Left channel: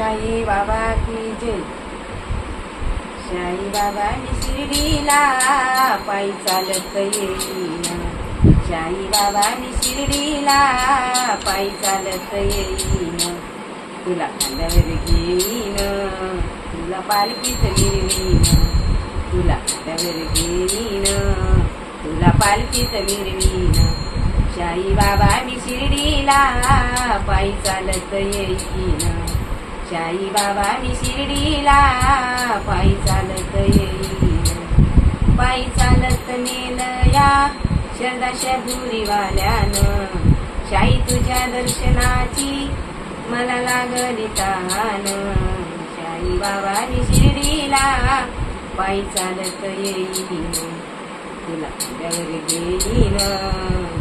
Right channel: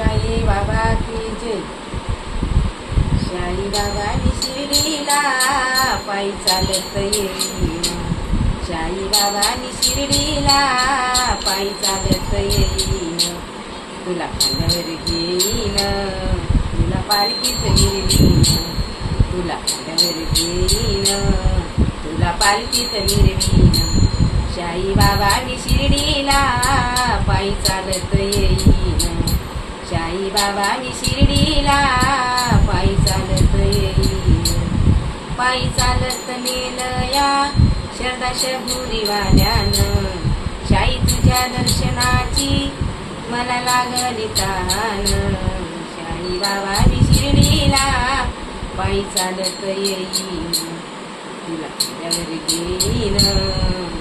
साई बाबा की जय. साई बाबांनी शिर्डीला पायी चालत येईन. साई बाबांनी शिर्डीला पायी चालत येईन. तुला खांद्यावर घेईन, तुला पालखीत मिरवीन. तुला खांद्यावर घेईन, तुला पालखीत मिरवीन. साई बाबांनी शिर्डीला पायी चालत येईन. साई बाबांनी शिर्डीला पायी चालत येईन. पायी चालत नेलं या शरदा शबुरीवाल्यानं. साई तुझ्या दर्शनाची मला लागली तान. साई बाबांनी शिर्डीला पायी चालत येईन. तुला खांद्यावर घेईन,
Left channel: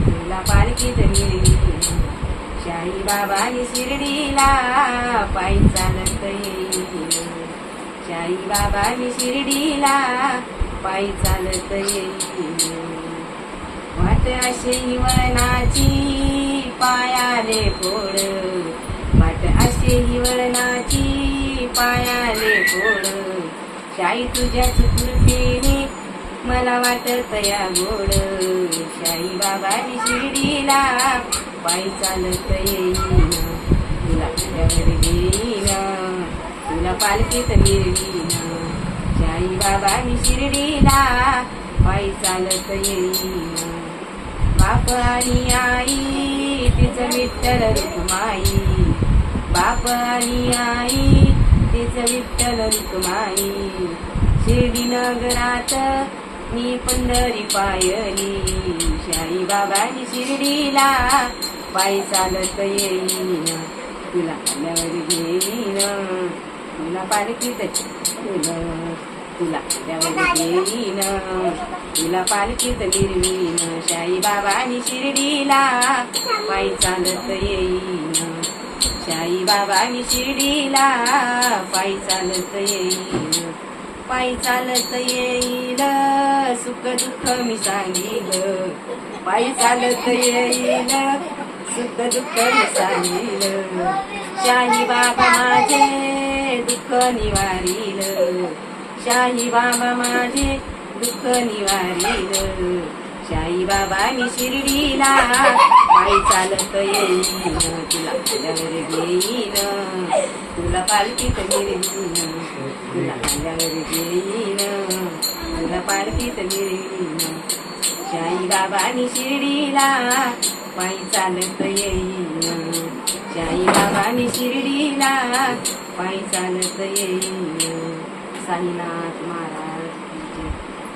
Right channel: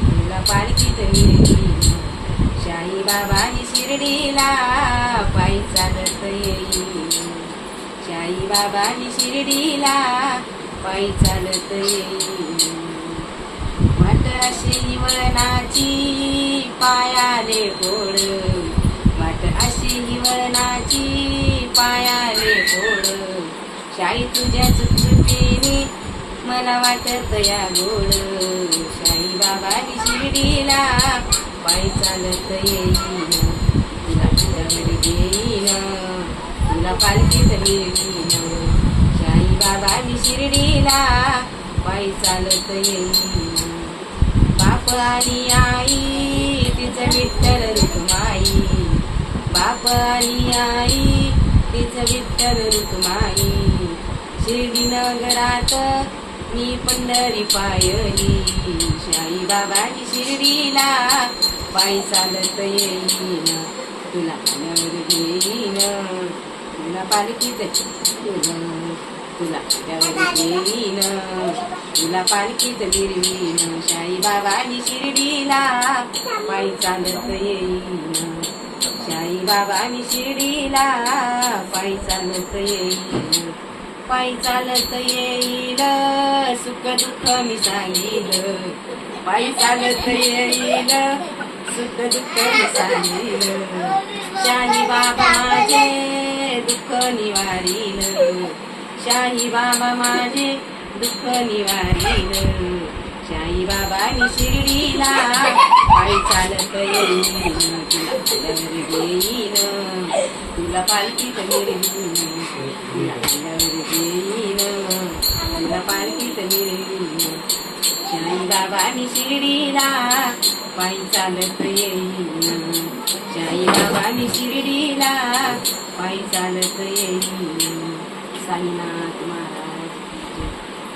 तुला पालखीत मिरवीन. साई बाबांनी शिर्डीला पायी चालत येईन. साई बाबांनी शिर्डीला पायी चालत येईन. वाट अशी वळणाची पायाले फोड. वाट अशी वळणाची पायाले फोड. साई तुझ्याच कृपेने मला वाटत या गोड. साई बाबांनी शिर्डीला पायी चालत येईन. तुला खांद्यावर घेईन, तुला पालखीत मिरवीन. साई बाबांनी शिर्डीला पायी चालत येईन. बाप आणि आई तिचं विठ्ठल रुक्माई. बाप आणि आई तिचं विठ्ठल रुक्माई. शिर्डी नगरात मी पंढरी पायली. साई बाबांनी शिर्डीला पायी चालत येईन. तुला खांद्यावर घेईन, तुला पालखीत मिरवीन. तुला खांद्यावर घेईन, तुला पालखीत मिरवीन. साई बाबांनी शिर्डीला पायी चालत येईन. साई बाबांनी शिर्डीला पायी चालत येईन. पायी चालत येईल, सुख दुःख मी सांगील. पायी चालत येईल, सुख दुःख मी सांगील. शाही बाबा माझे दुःख निवारील. शाही बाबा माझे दुःख निवारील. साई बाबांनी शिर्डीला पायी चालत येईन. तुला खांद्यावर घेईन, तुला पालखीत मिरवीन. तुला खांद्यावर घेईन, तुला पालखीत मिरवीन. साई बाबांनी शिर्डीला पायी चालत येईन. साई बाबांनी शिर्डीला पायी चालत येईन. साईनाथ महाराज.